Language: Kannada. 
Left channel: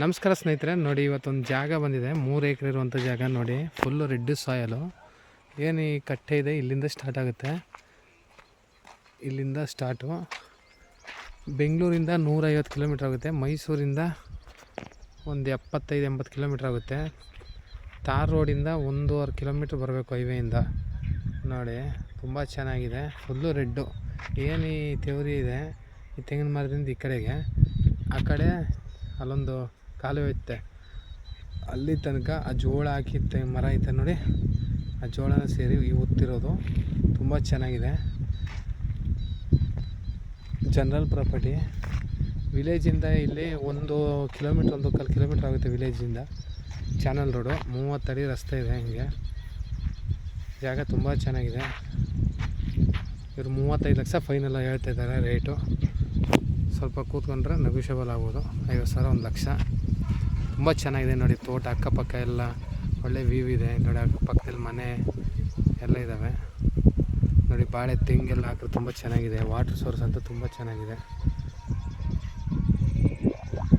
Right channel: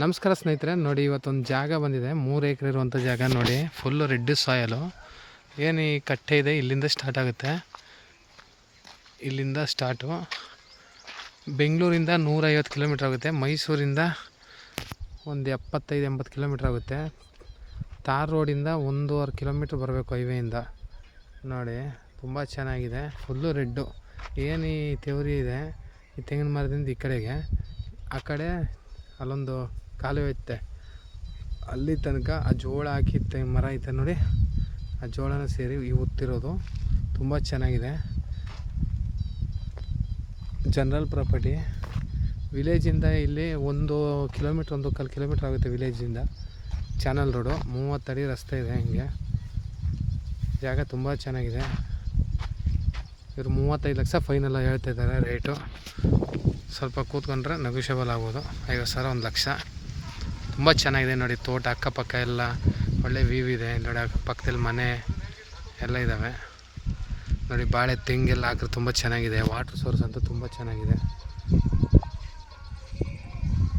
ನಮಸ್ಕಾರ ಸ್ನೇಹಿತರೆ, ನೋಡಿ ಇವತ್ತೊಂದು ಜಾಗ ಬಂದಿದೆ. 3 ಎಕರೆ ಇರುವಂಥ ಜಾಗ ನೋಡಿ. ಫುಲ್ಲು ರೆಡ್ ಸಾಯಲು. ಏನು ಈ ಕಟ್ಟೆ ಇದೆ, ಇಲ್ಲಿಂದ ಸ್ಟಾರ್ಟ್ ಆಗುತ್ತೆ. ಇಲ್ಲಿಂದ ಸ್ಟಾರ್ಟು ಬೆಂಗಳೂರಿಂದ 150 ಕಿಲೋಮೀಟ್ರ್ ಆಗುತ್ತೆ. ಮೈಸೂರಿಂದ ಒಂದು 75-80 ಕಿಲೋಮೀಟ್ರ್ ಆಗುತ್ತೆ. ತಾರ್ ರೋಡಿಂದ 1.5 ಕಿಲೋಮೀಟ್ರ್ ಬರಬೇಕು ಹೈವೇಯಿಂದ. ನೋಡಿ ತುಂಬ ಚೆನ್ನಾಗಿದೆ, ಫುಲ್ಲು ರೆಡ್ಡು. ಏನು ಈ ತೆವರಿ ಇದೆ, ಈ ತೆಂಗಿನ ಮರದಿಂದ ಈ ಕಡೆಗೆ, ಆ ಕಡೆ ಅಲ್ಲೊಂದು ಕಾಲುವೆ ಐತೆ, ಅಲ್ಲಿ ತನಕ ಆ ಜೋಳ ಹಾಕಿದ್ದ ಮರ ಐತೆ ನೋಡಿ. ಆ ಜೋಳನ ಸೇರಿ ಈ ಉತ್ತಿರೋದು ತುಂಬ ಚೆನ್ನಾಗಿದೆ. General property. ವಿಲೇಜಿಂದ ಇಲ್ಲಿ 1 ಕಿಲೋಮೀಟ್ರ್ 1.25 ಕಿಲೋಮೀಟ್ರ್ ಆಗುತ್ತೆ ವಿಲೇಜಿಂದ. ಚಾನಲ್ ರೋಡು, 30 ಅಡಿ ರಸ್ತೆ ಇದೆ. ಹಿಂಗೆ ಜಾಗ ತುಂಬ ಚೆನ್ನಾಗಿದೆ. ಇವರು 35 ಲಕ್ಷ ಫೈನಲ್ ಹೇಳ್ತಾ ಇದ್ದಾರೆ ರೇಟು. ಸ್ವಲ್ಪ ಕೂತ್ಕೊಂಡ್ರೆ ನೆಗೋಷಿಯಬಲ್ ಆಗ್ಬೋದು. 50,000 1 ಲಕ್ಷ. ತುಂಬ ಚೆನ್ನಾಗಿದೆ ನೋಡಿ. ತೋಟ ಅಕ್ಕಪಕ್ಕ ಎಲ್ಲ ಒಳ್ಳೆ ವ್ಯೂ ಇದೆ ನೋಡಿ. ಅಕ್ಕಪಕ್ಕದಲ್ಲಿ ಮನೆ ಎಲ್ಲ ಇದ್ದಾವೆ ನೋಡಿ. ಬಾಳೆ ತೆಂಗೆಲ್ಲ ಹಾಕಿದ್ರೆ ತುಂಬ ಚೆನ್ನಾಗಿದೆ. ವಾಟ್ರ್ ಸೋರ್ಸ್ ಅಂತೂ ತುಂಬ ಚೆನ್ನಾಗಿದೆ.